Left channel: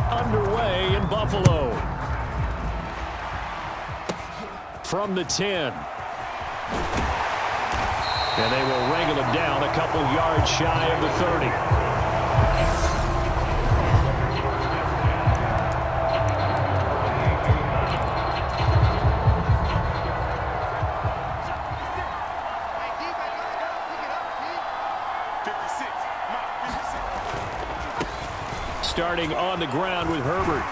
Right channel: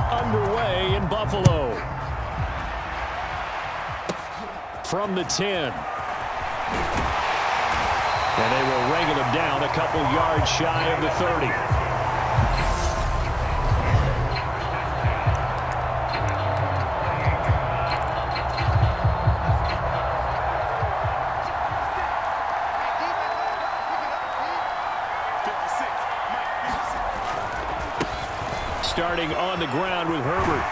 are underway in Buffalo. From the 10. And they will wrangle him down a couple yards shy of the 30. Starting on the ground with Herbert.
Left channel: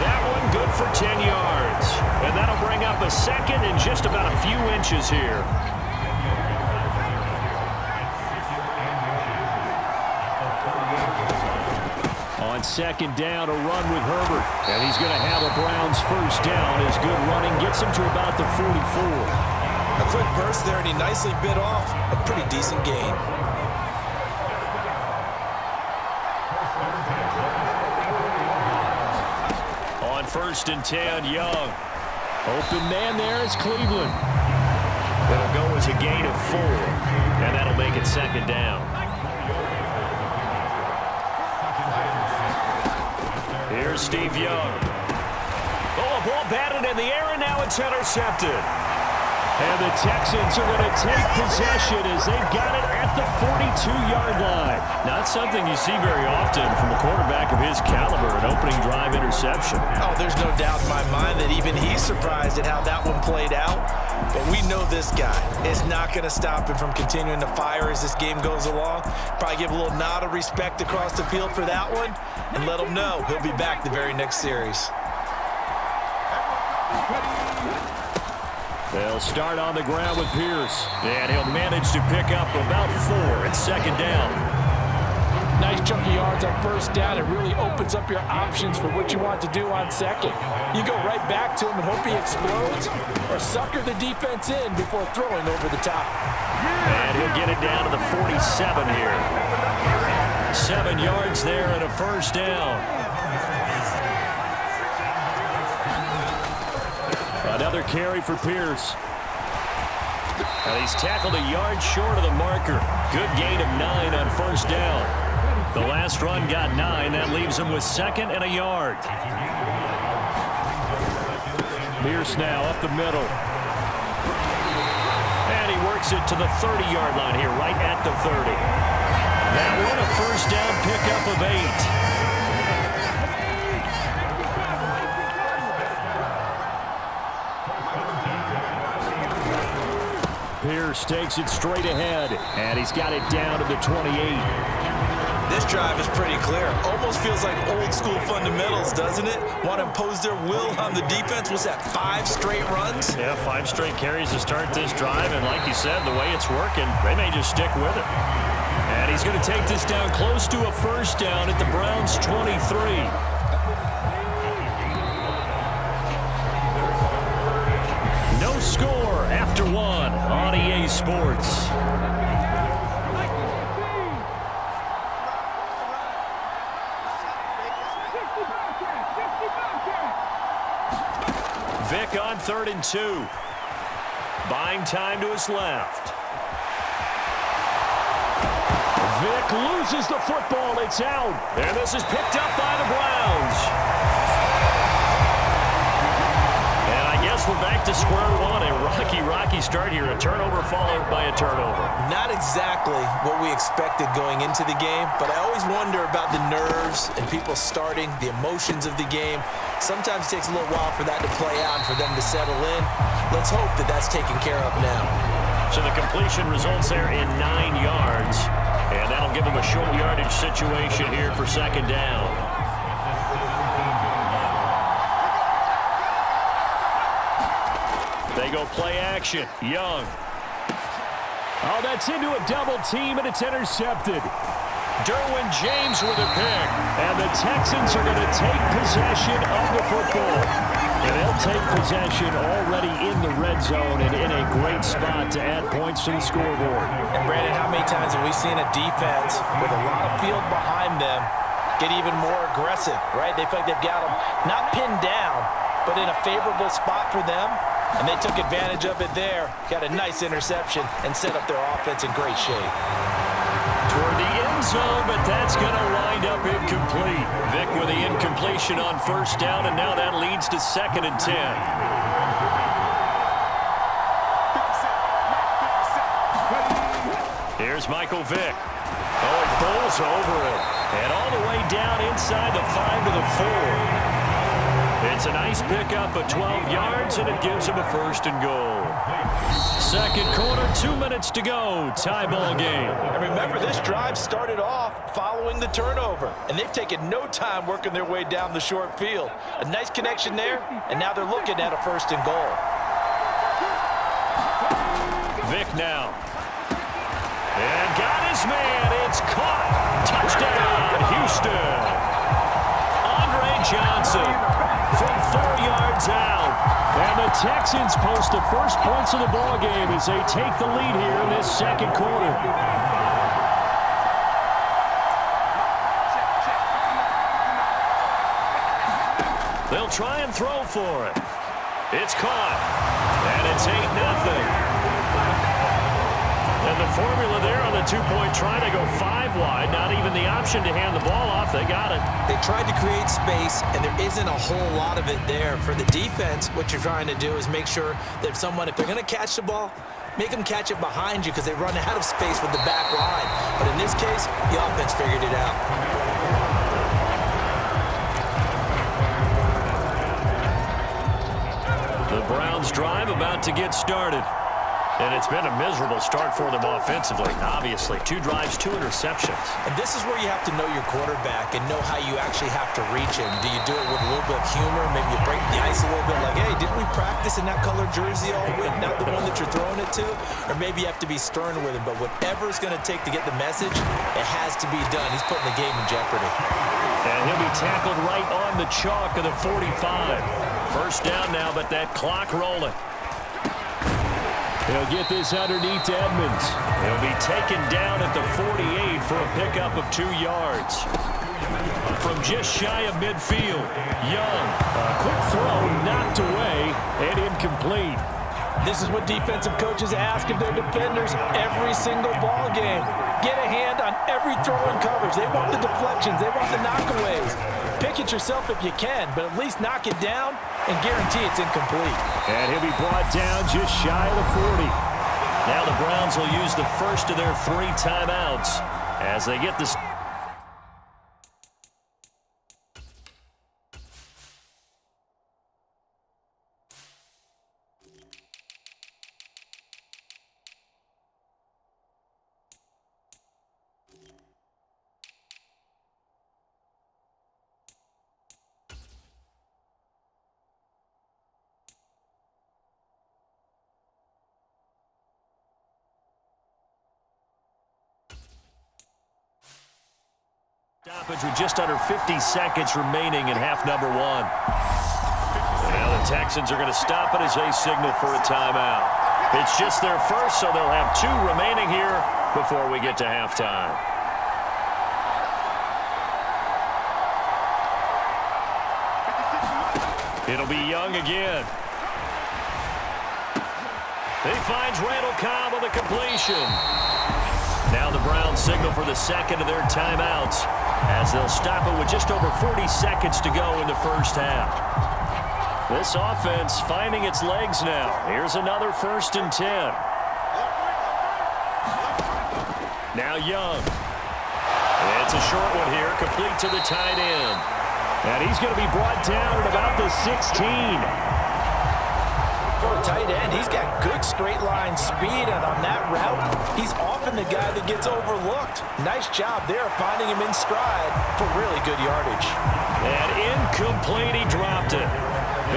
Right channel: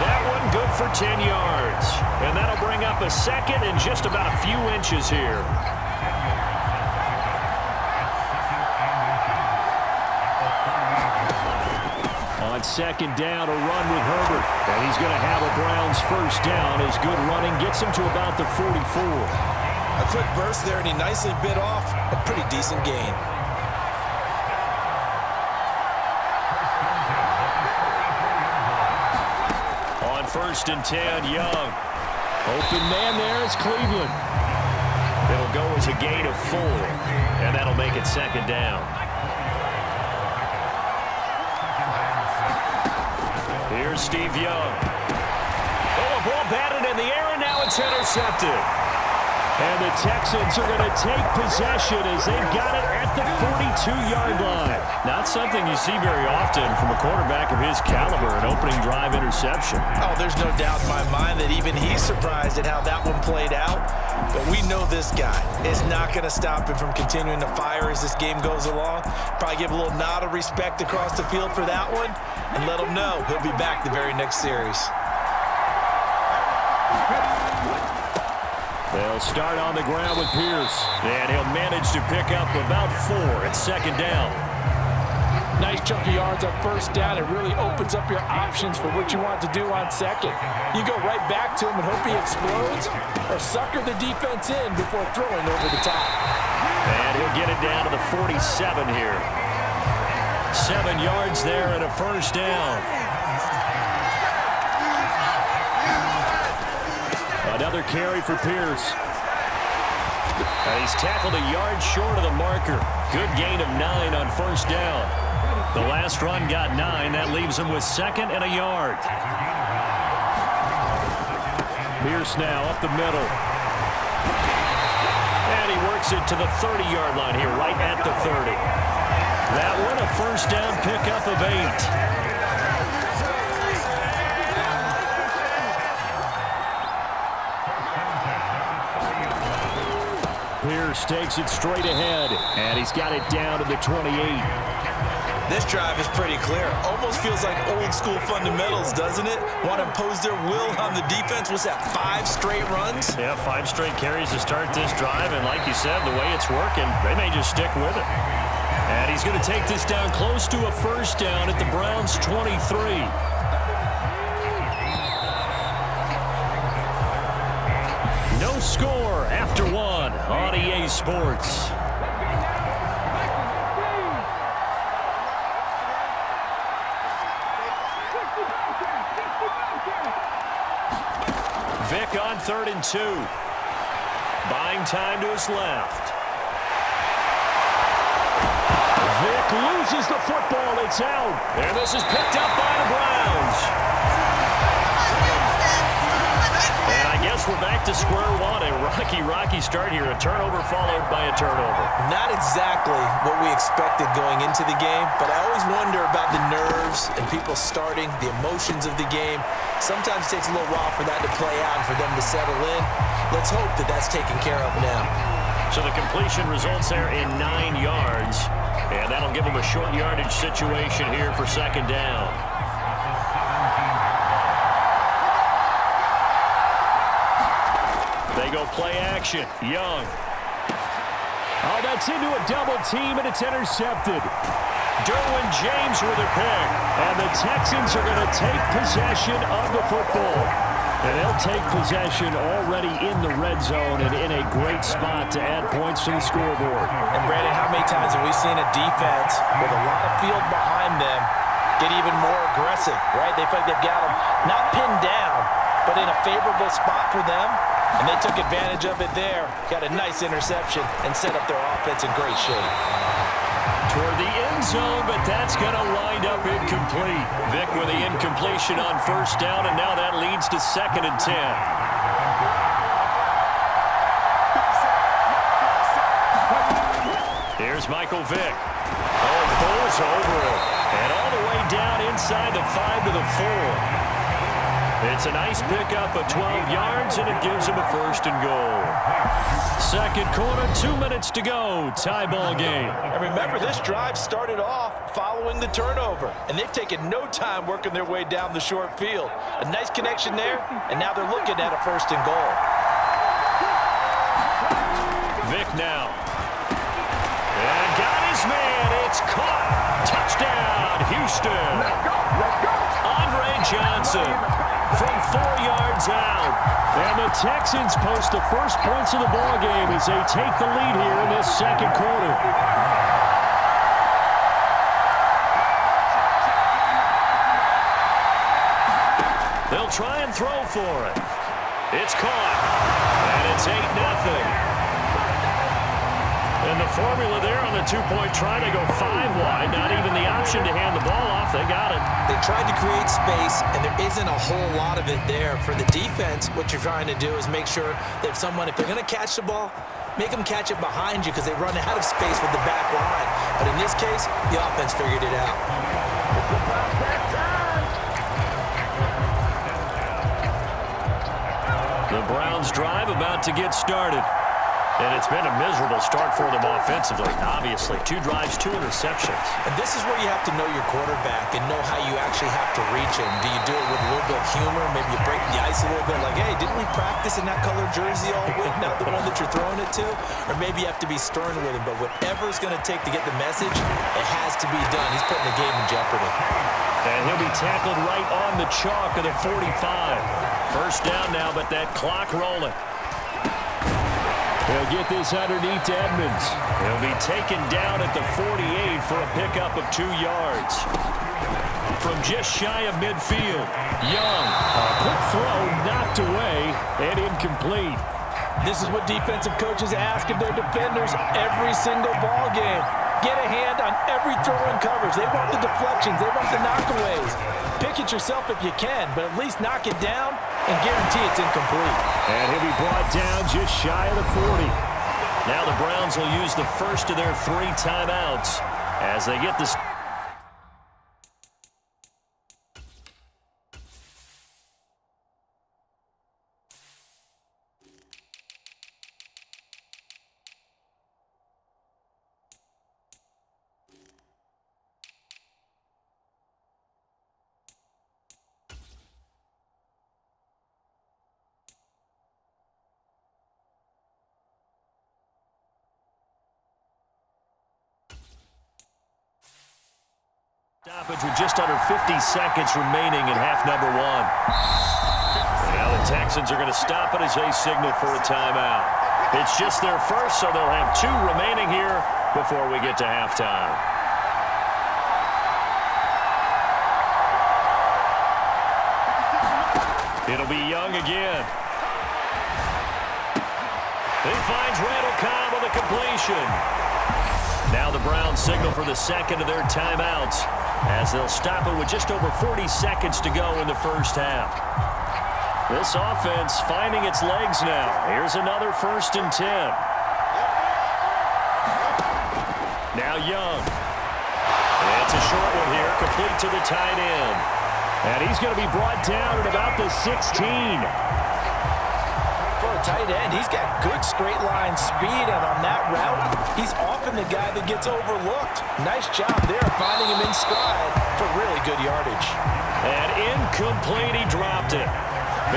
That one good for 10 yards. And that'll bring up a second and just about a few inches here. On second down, a run with Herbert. And he's going to have a Browns first down as good running gets him to about the 44. A quick burst there, and he nicely bit off a pretty decent gain. On first and 10, Young. Open man there is Cleveland. It'll go as a gain of 4, and that'll make it second down. Here's Steve Young. Oh, a ball batted in the air, and now it's intercepted. And the Texans are going to take possession as they've got it at the 42-yard line. Not something you see very often from a quarterback of his caliber, an opening drive interception. Oh, there's no doubt in my mind that even he's surprised at how that one played out. But we know this guy is not going to stop him from continuing to fire as this game goes along. Probably give a little nod of respect across the field for that one and let him know he'll be back the very next series. They'll start on the ground with Pierce, and he'll manage to pick up about 4. It's second down. Nice chunky yards on first down. It really opens up your options for what you want to do on second. You go right back to him and hope he explodes, or sucker the defense in before throwing over the top. And he'll get it down to the 47 here. 7 yards there and a first down. Another carry for Pierce. And he's tackled a yard short of the marker. Good gain of 9 on first down. The last run got 9. That leaves him with second and a yard. Pierce now up the middle. And he works it to the 30-yard line here, right at the 30. That one a first down pickup of 8. Pierce takes it straight ahead, and he's got it down to the 28. This drive is pretty clear. Almost feels like old school fundamentals, doesn't it? Want to impose their will on the defense. What's that, 5 straight runs? Yeah, 5 straight carries to start this drive, and like you said, the way it's working, they may just stick with it. And he's going to take this down close to a first down at the Browns' 23. No score after 1 on EA Sports. Vick on 3rd and 2. Buying time to his left. Vick loses the football. It's out. And this is picked up by the Browns. And I guess we're back to square one. A rocky start here. A turnover followed by a turnover. Not exactly what we expected going into the game, but I always wonder about the nerves and people starting, the emotions of the game. Sometimes it takes a little while for that to play out and for them to settle in. Let's hope that that's taken care of now. So the completion results there in 9 yards. And that'll give them a short yardage situation here for second down. They go play action. Young. Oh, that's into a double team, and it's intercepted. Derwin James with a pick. And the Texans are going to take possession of the football. And they'll take possession already in the red zone and in a great spot to add points to the scoreboard. And, Brandon, how many times have we seen a defense with a lot of field behind them get even more aggressive, right? They feel like they've got them not pinned down, but in a favorable spot for them. And they took advantage of it there. Got a nice interception and set up their offense in great shape. Toward the end zone, but that's going to wind up incomplete. Vic with the incompletion on first down, and now that leads to 2nd and 10. Here's Michael Vick. Oh, he pulls over it. And all the way down inside the 5 to the 4. It's a nice pickup of 12 yards, and it gives him a 1st and goal. Second quarter, 2 minutes to go. Tie ball game. And remember, this drive started off following the turnover, and they've taken no time working their way down the short field. A nice connection there, and now they're looking at a 1st and goal. Vic now. And got his man. It's caught. Touchdown, Houston. Andre Johnson from 4 yards out. And the Texans post the first points of the ball game as they take the lead here in this second quarter. They'll try and throw for it. It's caught. And it's 8-0. And the formula there on the 2-point try, they go 5 wide. Not even the option to hand the ball off. They got it. They tried to create space, and there isn't a whole lot of it there. For the defense, what you're trying to do is make sure that if they're going to catch the ball, make them catch it behind you because they run out of space with the back line. But in this case, the offense figured it out. The Browns drive about to get started. And it's been a miserable start for them offensively. Obviously, 2 drives, 2 interceptions. And this is where you have to know your quarterback and know how you actually have to reach him. Do you do it with a little bit of humor? Maybe you break the ice a little bit like, hey, didn't we practice in that color jersey all week, not the one that you're throwing it to? Or maybe you have to be stern with him. But whatever it's going to take to get the message, it has to be done. He's putting the game in jeopardy. And he'll be tackled right on the chalk of the 45. First down now, but that clock rolling. He'll get this underneath to Edmonds. He'll be taken down at the 48 for a pickup of 2 yards. From just shy of midfield, Young. A quick throw knocked away and incomplete. This is what defensive coaches ask of their defenders every single ball game. Get a hand on every throw in coverage. They want the deflections. They want the knockaways. Pick it yourself if you can, but at least knock it down and guarantee it's incomplete. And he'll be brought down just shy of the 40. Now the Browns will use the first of their 3 timeouts as they get this. Stoppage with just under 50 seconds remaining in half number 1. And now the Texans are going to stop it as they signal for a timeout. It's just their first, so they'll have 2 remaining here before we get to halftime. It'll be Young again. He finds Randall Cobb on the completion. Now the Browns signal for the second of their timeouts as they'll stop it with just over 40 seconds to go in the first half. This offense finding its legs now. Here's another 1st and 10. Now Young. It's a short one here, complete to the tight end. And he's going to be brought down at about the 16. For a tight end, he's got good straight line speed, and on that route, he's often the guy that gets overlooked. Nice job there finding him in stride for really good yardage. And incomplete, he dropped it.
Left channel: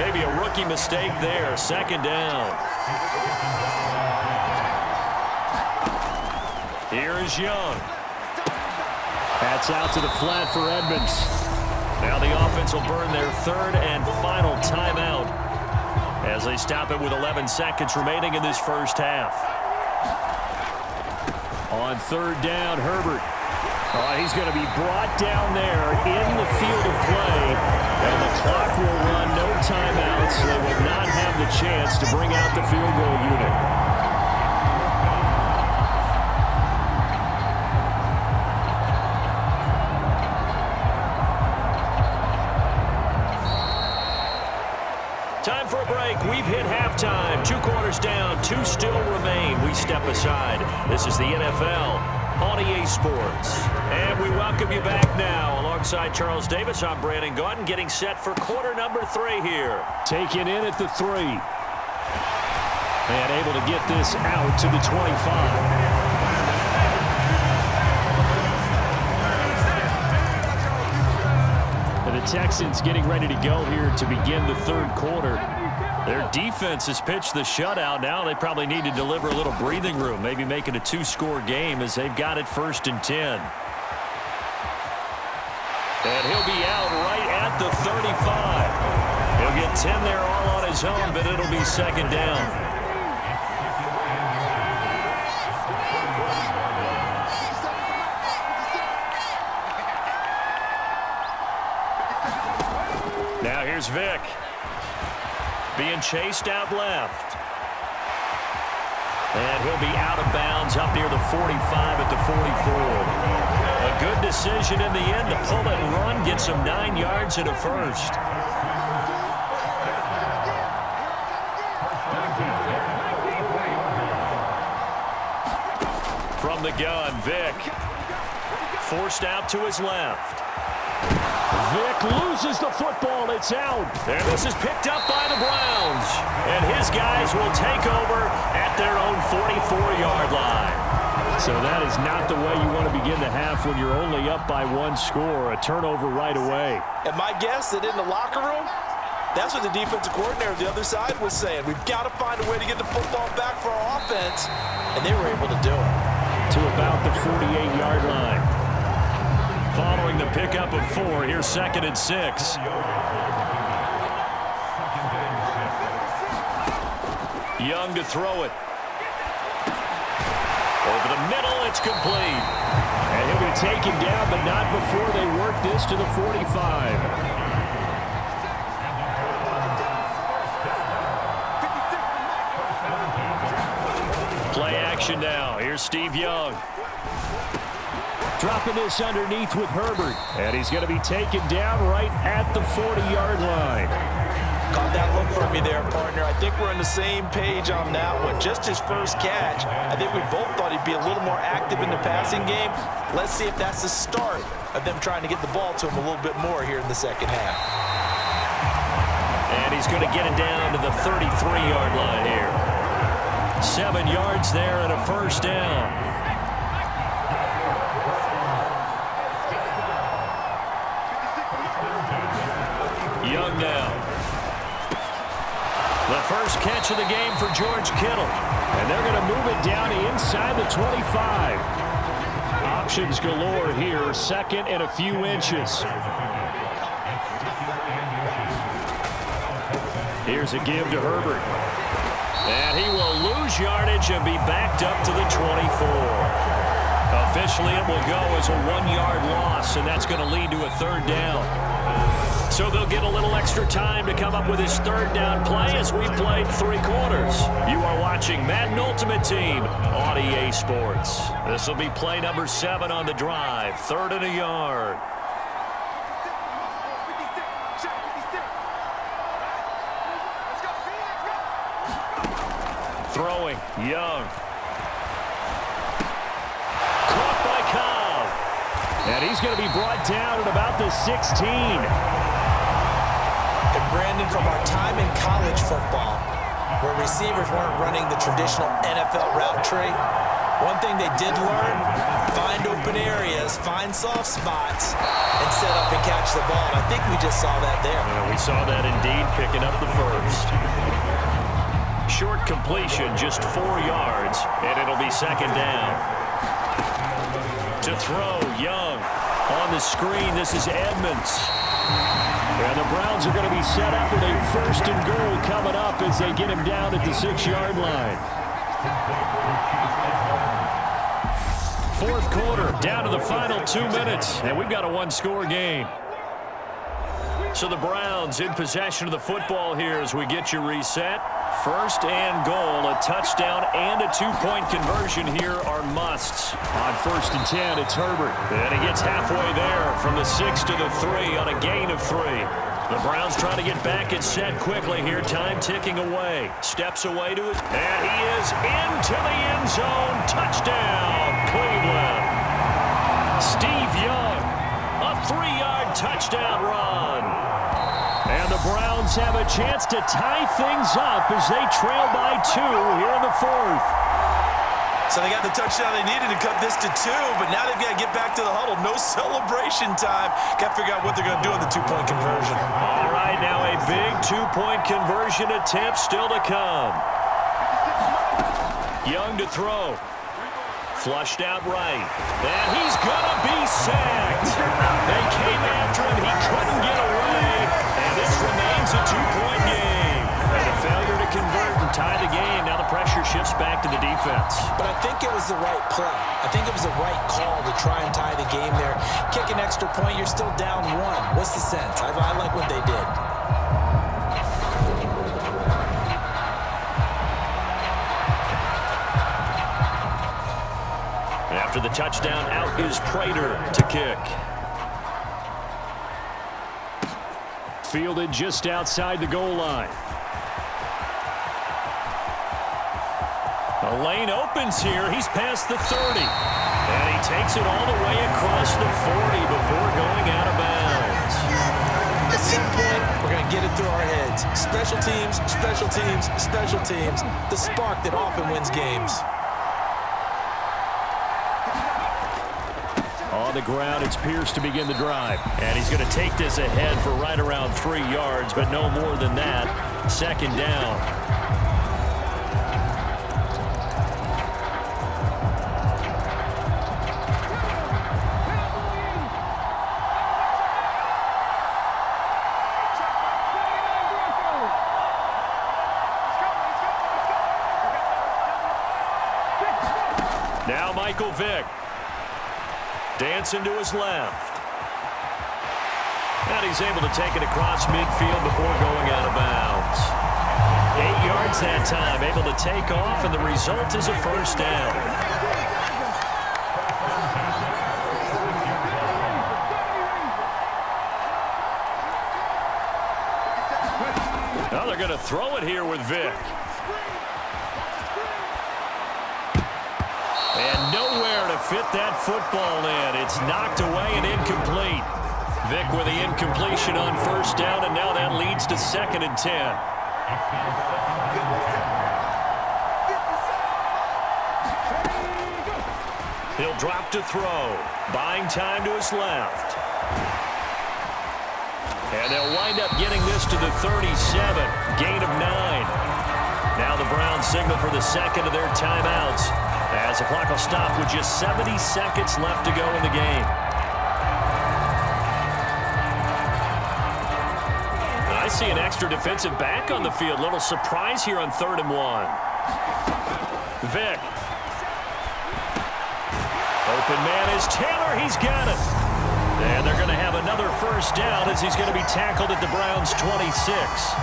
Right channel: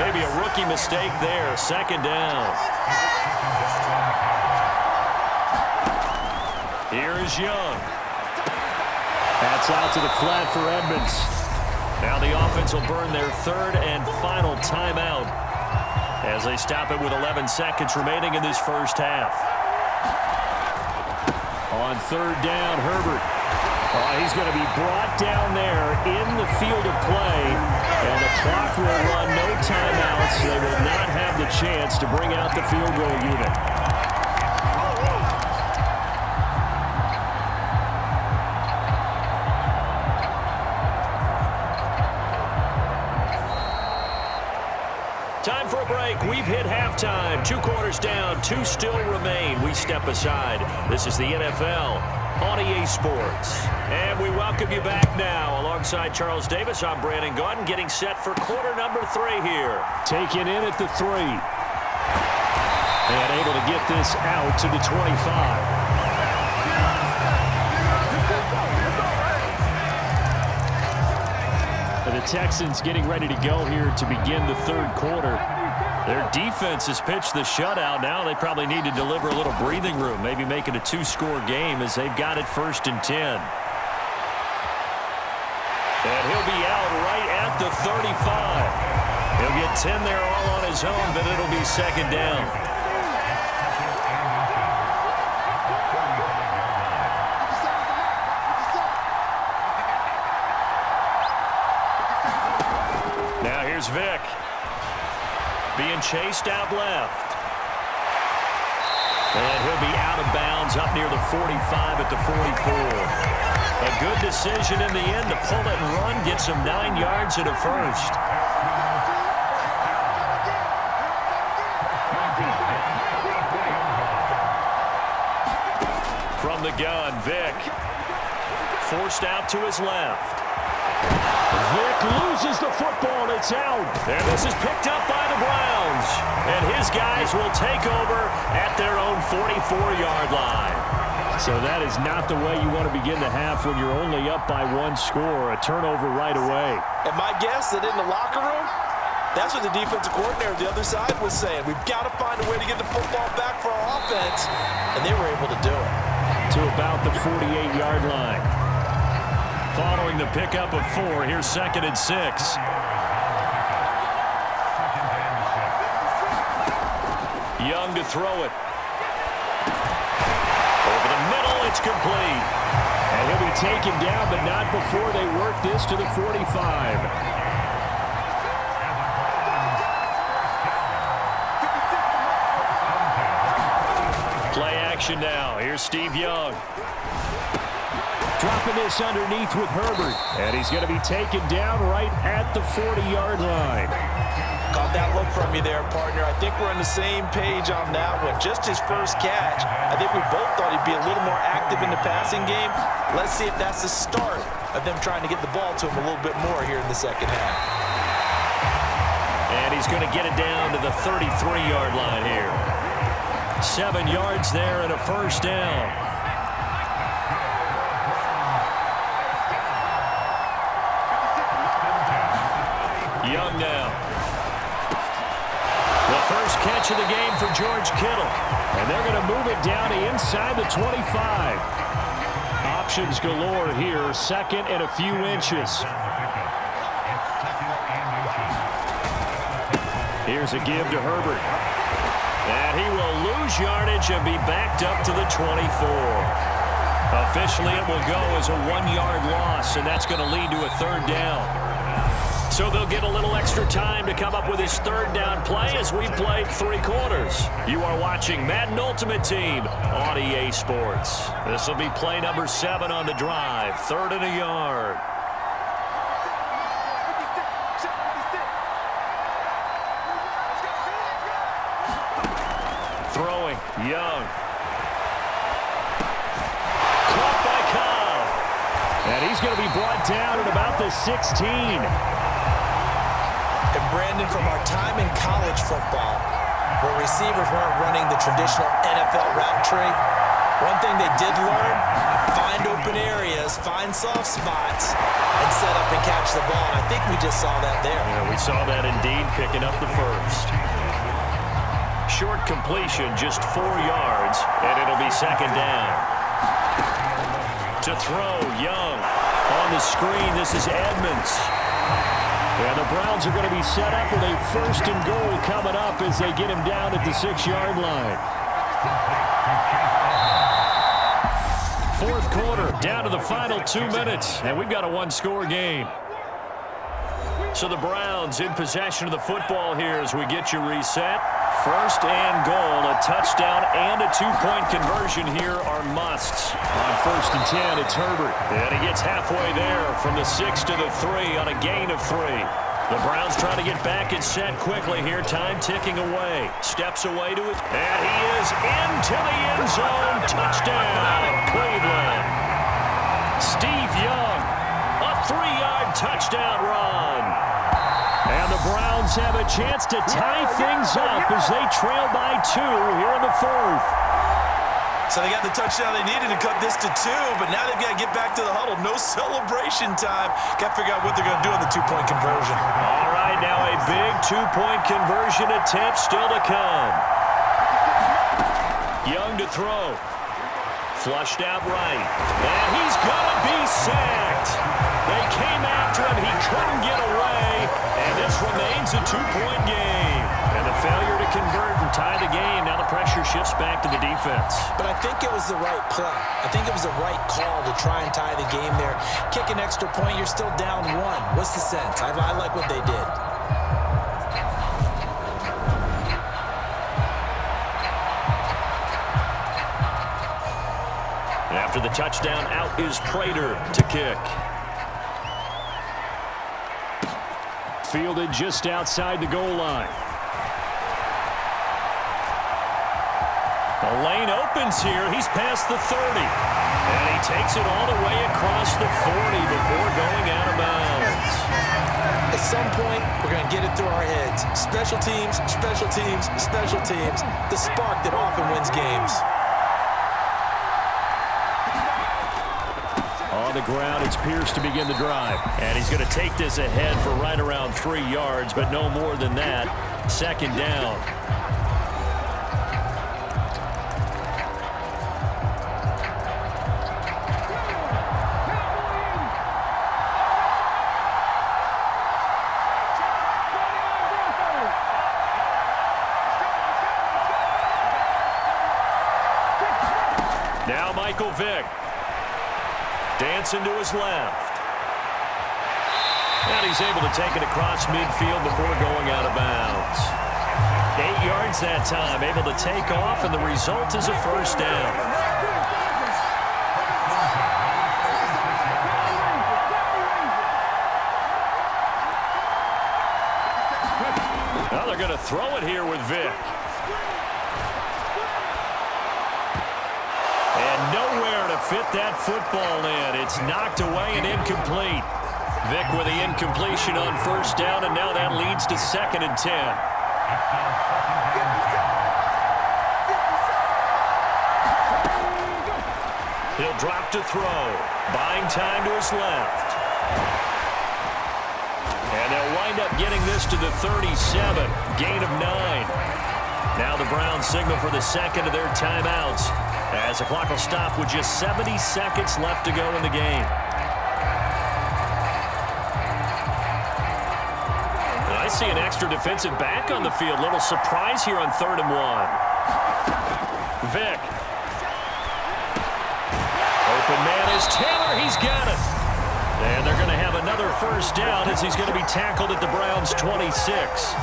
Maybe a rookie mistake there, 2nd down. Here is Young. That's out to the flat for Edmonds. Now the offense will burn their 3rd and final timeout as they stop it with 11 seconds remaining in this first half. On 3rd down, Herbert. Oh, he's going to be brought down there in the field of play, and the clock will run, no timeouts. They will not have the chance to bring out the field goal unit. time for a break. We've hit halftime. 2 quarters down, 2 still remain. We step aside. This is the NFL on EA Sports. And we welcome you back now. Alongside Charles Davis, I'm Brandon Gaudin, getting set for quarter number 3 here. Taken in at the 3. And able to get this out to the 25. The Texans getting ready to go here to begin the 3rd quarter. Their defense has pitched the shutout. Now they probably need to deliver a little breathing room, maybe make it a 2-score game as they've got it 1st and 10. And he'll be out right at the 35. He'll get 10 there all on his own, but it'll be 2nd down. Now here's Vick. Being chased out left. And he'll be out of bounds up near the 45 at the 44. A good decision in the end to pull it and run, get some 9 yards and a 1st. From the gun, Vick. Forced out to his left. Vick loses the football. It's out. And this is picked up by the Browns. And his guys will take over at their own 44-yard line. So that is not the way you want to begin the half when you're only up by 1 score. A turnover right away. And my guess that in the locker room, that's what the defensive coordinator of the other side was saying. We've got to find a way to get the football back for our offense. And they were able to do it. To about the 48-yard line. Following the pickup of 4, here's 2nd and 6. Young to throw it. Over the middle, it's complete. And he'll be taken down, but not before they work this to the 45. Play action now. Here's Steve Young. Dropping this underneath with Herbert. And he's going to be taken down right at the 40-yard line. Caught that look from you there, partner. I think we're on the same page on that one. Just his first catch. I think we both thought he'd be a little more active in the passing game. Let's see if that's the start of them trying to get the ball to him a little bit more here in the 2nd half. And he's going to get it down to the 33-yard line here. 7 yards there and a 1st down. Young now. The first catch of the game for George Kittle. And they're going to move it down to inside the 25. Options galore here. 2nd and a few inches. Here's a give to Herbert. And he will lose yardage and be backed up to the 24. Officially, it will go as a 1-yard loss, and that's going to lead to a 3rd down. So they'll get a little extra time to come up with his 3rd down play as we played 3 quarters. You are watching Madden Ultimate Team on EA Sports. This will be play number 7 on the drive. 3rd and a yard. Throwing, Young. Caught by Cobb. And he's going to be brought down at about the 16. And Brandon, from our time in college football, where receivers weren't running the traditional NFL route tree, one thing they did learn, find open areas, find soft spots, and set up and catch the ball. And I think we just saw that there. Yeah, we saw that indeed, picking up the 1st. Short completion, just 4 yards, and it'll be 2nd down. To throw, Young. On the screen, this is Edmonds. And the Browns are going to be set up with a 1st and goal coming up as they get him down at the 6-yard line. 4th quarter, down to the final 2 minutes, and we've got a 1-score game. So the Browns in possession of the football here as we get you reset. 1st and goal, a touchdown and a 2-point conversion here are musts. On 1st and 10, it's Herbert. And he gets halfway there from the 6 to the 3 on a gain of 3. The Browns trying to get back and set quickly here. Time ticking away. Steps away to it. And he is into the end zone. Touchdown, Cleveland. Steve Young, a 3-yard touchdown run. And the Browns have a chance to tie things up as they trail by 2 here in the 4th. So they got the touchdown they needed to cut this to 2, but now they've got to get back to the huddle. No celebration time. Got to figure out what they're going to do on the 2-point conversion. All right, now a big 2-point conversion attempt still to come. Young to throw. Flushed out right. And he's going to be sacked. They came after him. He couldn't get away. And this remains a 2-point game. And a failure to convert and tie the game. Now the pressure shifts back to the defense. But I think it was the right play. I think it was the right call to try and tie the game there. Kick an extra point, you're still down 1. What's the sense? I like what they did. After the touchdown, out is Prater to kick. Fielded just outside the goal line. The lane opens here. He's past the 30. And he takes it all the way across the 40 before going out of bounds. At some point, we're going to get it through our heads. Special teams, special teams, special teams. The spark that often wins games. On the ground, it's Pierce to begin the drive. And he's going to take this ahead for right around 3 yards, but no more than that. 2nd down. Now Michael Vick. Dancing to his left. And he's able to take it across midfield before going out of bounds. 8 yards that time, able to take off, and the result is a 1st down. Now they're going to throw it here with Vick. And nowhere to fit that football in. It's knocked away and incomplete. Vick with the incompletion on 1st down, and now that leads to 2nd and 10. He'll drop to throw. Buying time to his left. And they'll wind up getting this to the 37. Gain of 9. Now the Browns signal for the 2nd of their timeouts, as the clock will stop with just 70 seconds left to go in the game. And I see an extra defensive back on the field. Little surprise here on 3rd and 1. Vick. Open man is Taylor. He's got it. And they're going to have another 1st down as he's going to be tackled at the Browns' 26.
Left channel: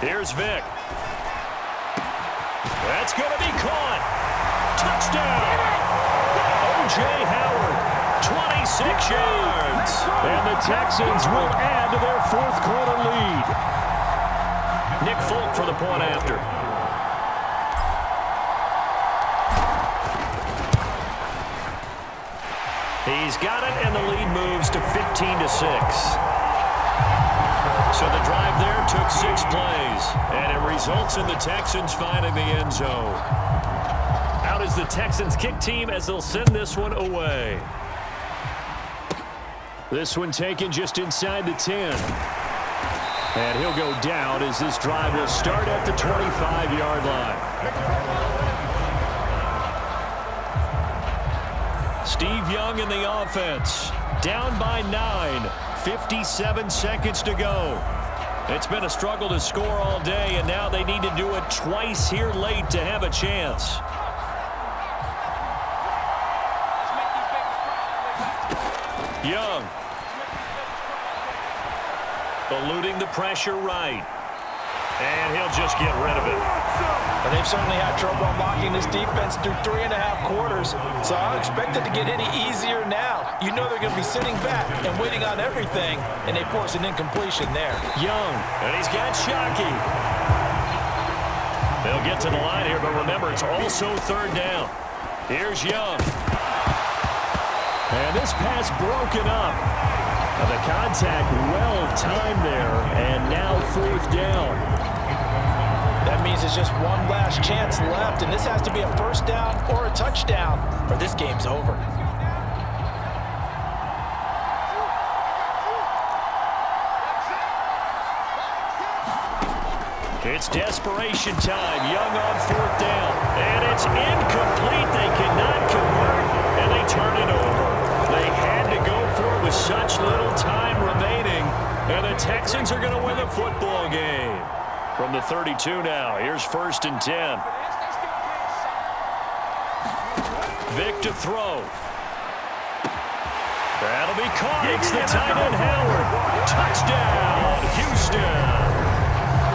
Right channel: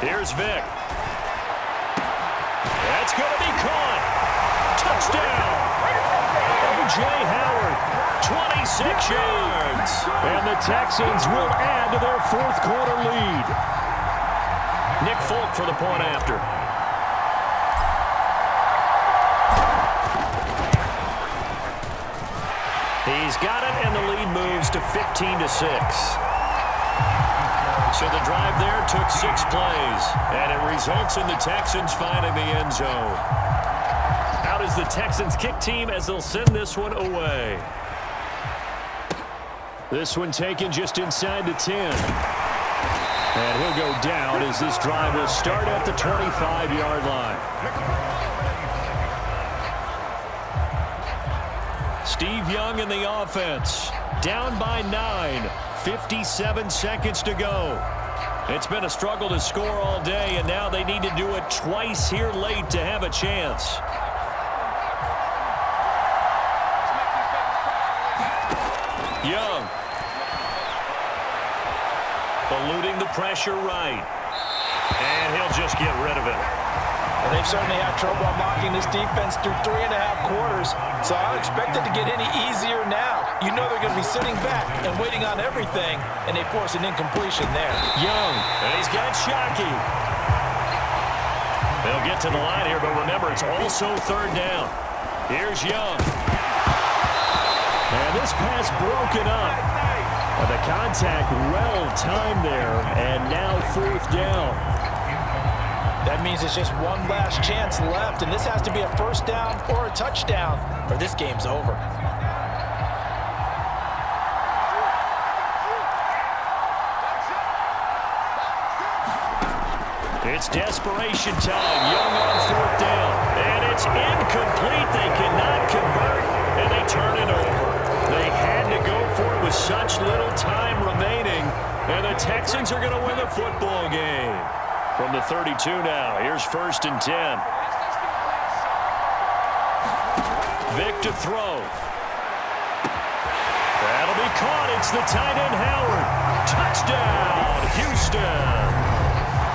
Here's Vick. That's going to be caught. Touchdown. O.J. Howard, 26 yards. And the Texans will add to their 4th quarter lead. Nick Folk for the point after. He's got it, and the lead moves to 15-6. So the drive there took 6 plays, and it results in the Texans finding the end zone. Out is the Texans kick team as they'll send this one away. This one taken just inside the 10. And he'll go down as this drive will start at the 25-yard line. Steve Young in the offense. Down by 9. 57 seconds to go. It's been a struggle to score all day, and now they need to do it twice here late to have a chance. Young. Eluding the pressure right. And he'll just get rid of it. And they've certainly had trouble unlocking this defense through 3.5 quarters, so I don't expect it to get any easier now. You know they're going to be sitting back and waiting on everything, and they force an incompletion there. Young, and he's got Shockey. They'll get to the line here, but remember, it's also third down. Here's Young. And this pass broken up. The contact well-timed there, and now fourth down. That means it's just one last chance left, and this has to be a first down or a touchdown, or this game's over. It's desperation time. Young on fourth down. And it's incomplete. They cannot convert, and they turn it over. They had to go for it with such little time remaining, and the Texans are going to win the football game. From the 32 now, here's 1st and 10. Vic to throw. That'll be caught. It's the tight end, Howard. Touchdown, Houston.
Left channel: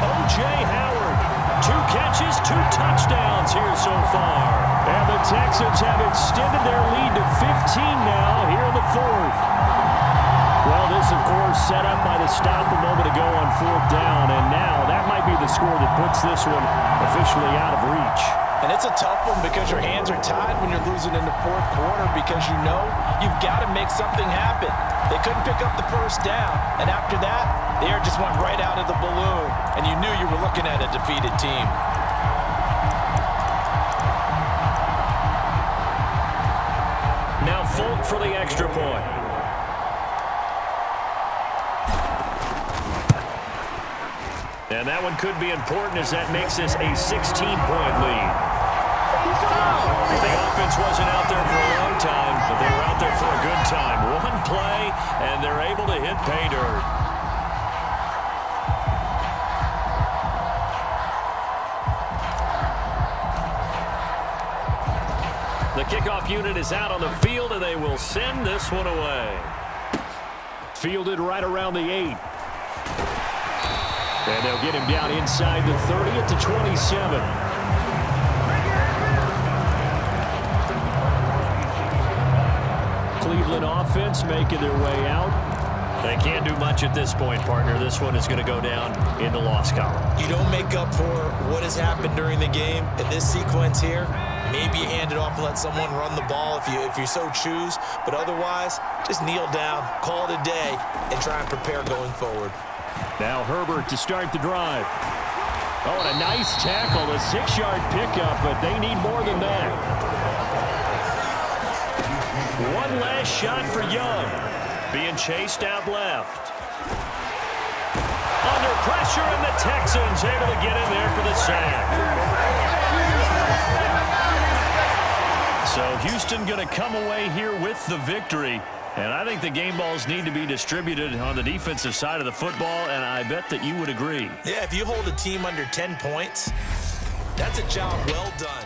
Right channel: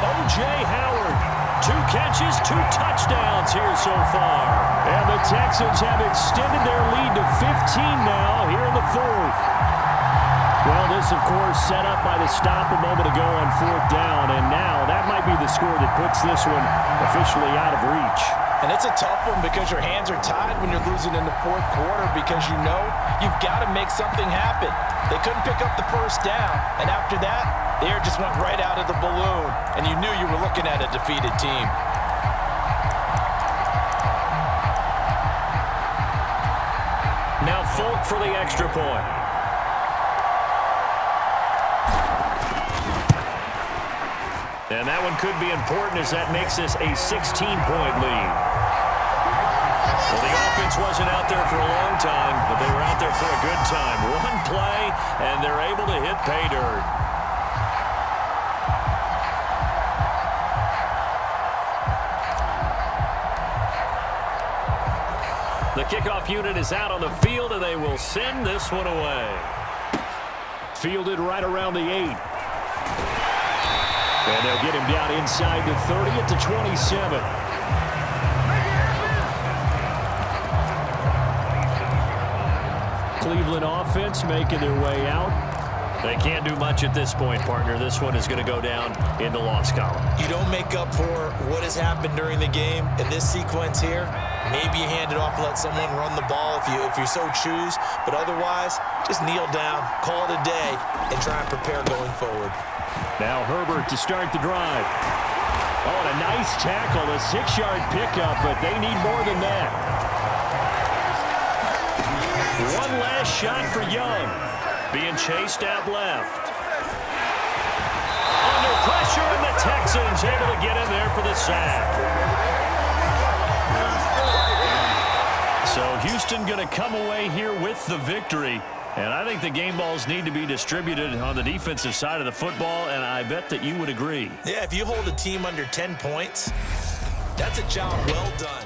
O.J. Howard, 2 catches, 2 touchdowns here so far. And the Texans have extended their lead to 15 now here in the 4th. Well, this, of course, set up by the stop a moment ago on fourth down, and now that might be the score that puts this one officially out of reach. And it's a tough one because your hands are tied when you're losing in the 4th quarter because you know you've got to make something happen. They couldn't pick up the first down, and after that, the air just went right out of the balloon, and you knew you were looking at a defeated team. Now Folk for the extra point. And that one could be important as that makes this a 16-point lead. Well, the offense wasn't out there for a long time, but they were out there for a good time. One play, and they're able to hit pay dirt. The kickoff unit is out on the field, and they will send this one away. Fielded right around the 8. And they'll get him down inside the 30 at the 27. Cleveland offense making their way out. They can't do much at this point, partner. This one is going to go down in the loss column. You don't make up for what has happened during the game. In this sequence here, maybe you hand it off and let someone run the ball if you so choose. But otherwise, just kneel down, call it a day, and try and prepare going forward. Now Herbert to start the drive. Oh, and a nice tackle, a 6-yard pickup, but they need more than that. One last shot for Young. Being chased out left. Under pressure, and the Texans able to get in there for the sack. So Houston going to come away here with the victory. And I think the game balls need to be distributed on the defensive side of the football, and I bet that you would agree. Yeah, if you hold a team under 10 points, that's a job well done.